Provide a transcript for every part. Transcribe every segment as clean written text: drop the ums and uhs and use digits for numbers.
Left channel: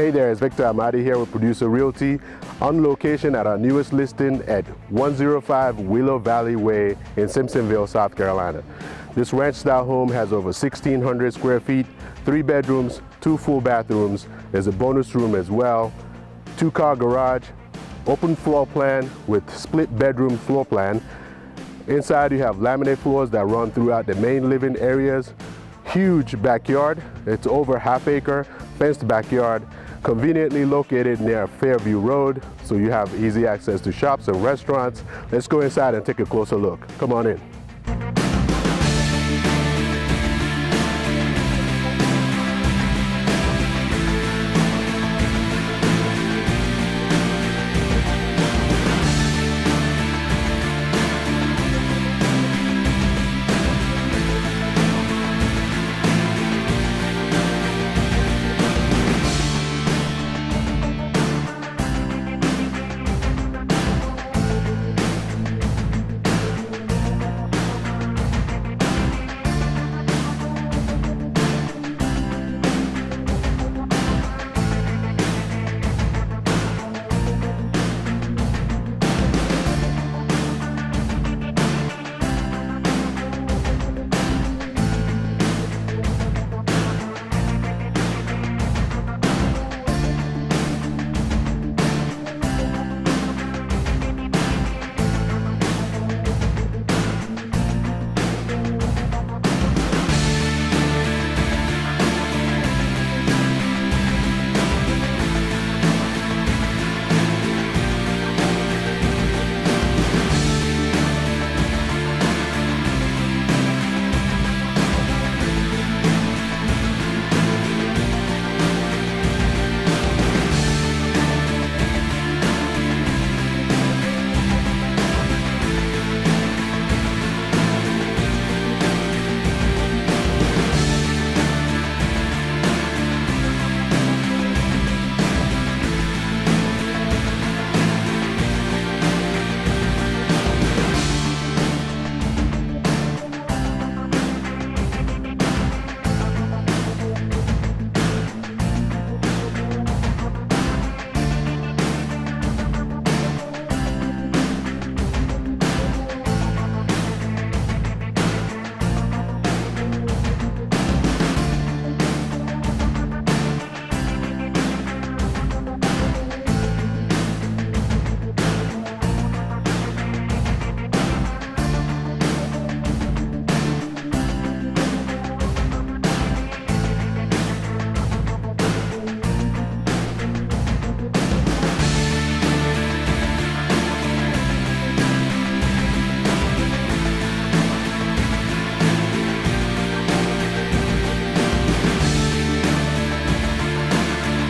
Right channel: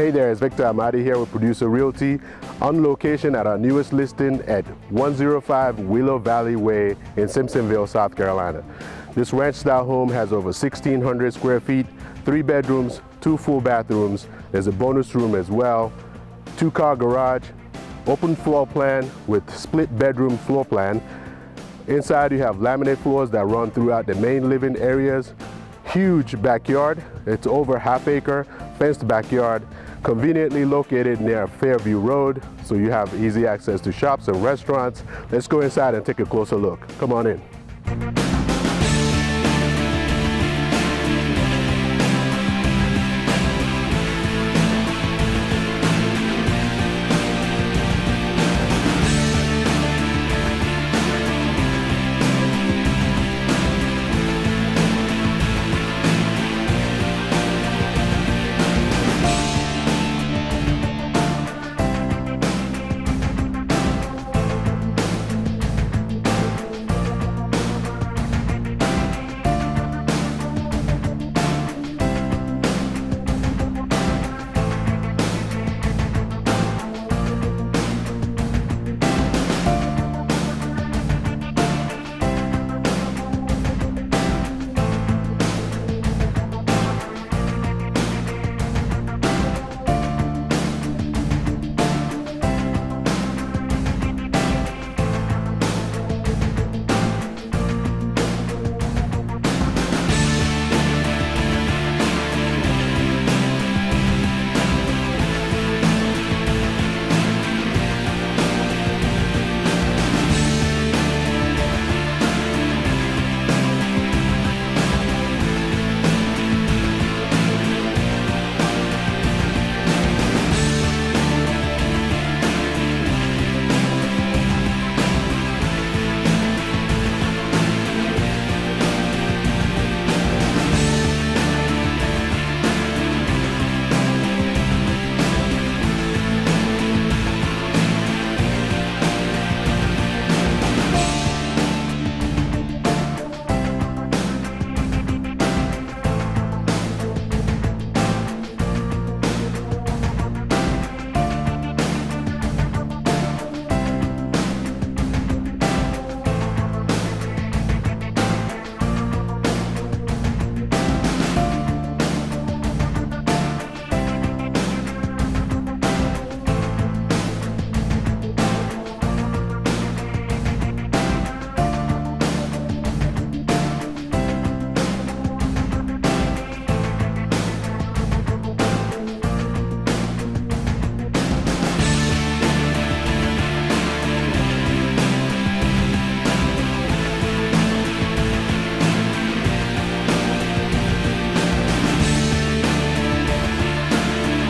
Hey there, it's Victor Amadi here with Producer Realty on location at our newest listing at 105 Willow Valley Way in Simpsonville, South Carolina. This ranch-style home has over 1,600 square feet, 3 bedrooms, 2 full bathrooms. There's a bonus room as well, 2-car garage, open floor plan with split bedroom floor plan. Inside you have laminate floors that run throughout the main living areas. Huge backyard, it's over ½ acre, fenced backyard, conveniently located near Fairview Road, so you have easy access to shops and restaurants. Let's go inside and take a closer look. Come on in.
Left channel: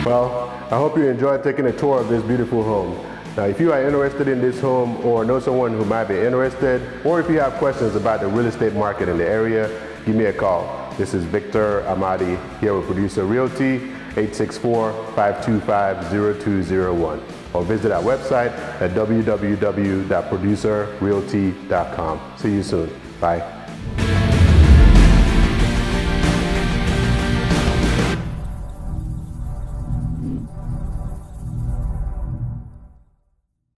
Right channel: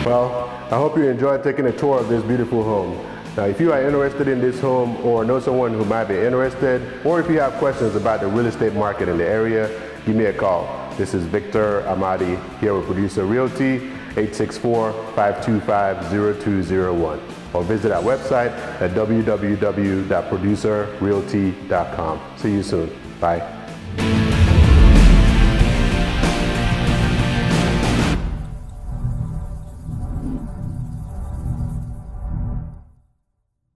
Well, I hope you enjoyed taking a tour of this beautiful home. Now, if you are interested in this home or know someone who might be interested, or if you have questions about the real estate market in the area, give me a call. This is Victor Amadi here with Producer Realty, 864-525-0201. Or visit our website at www.producerrealty.com. See you soon. Bye.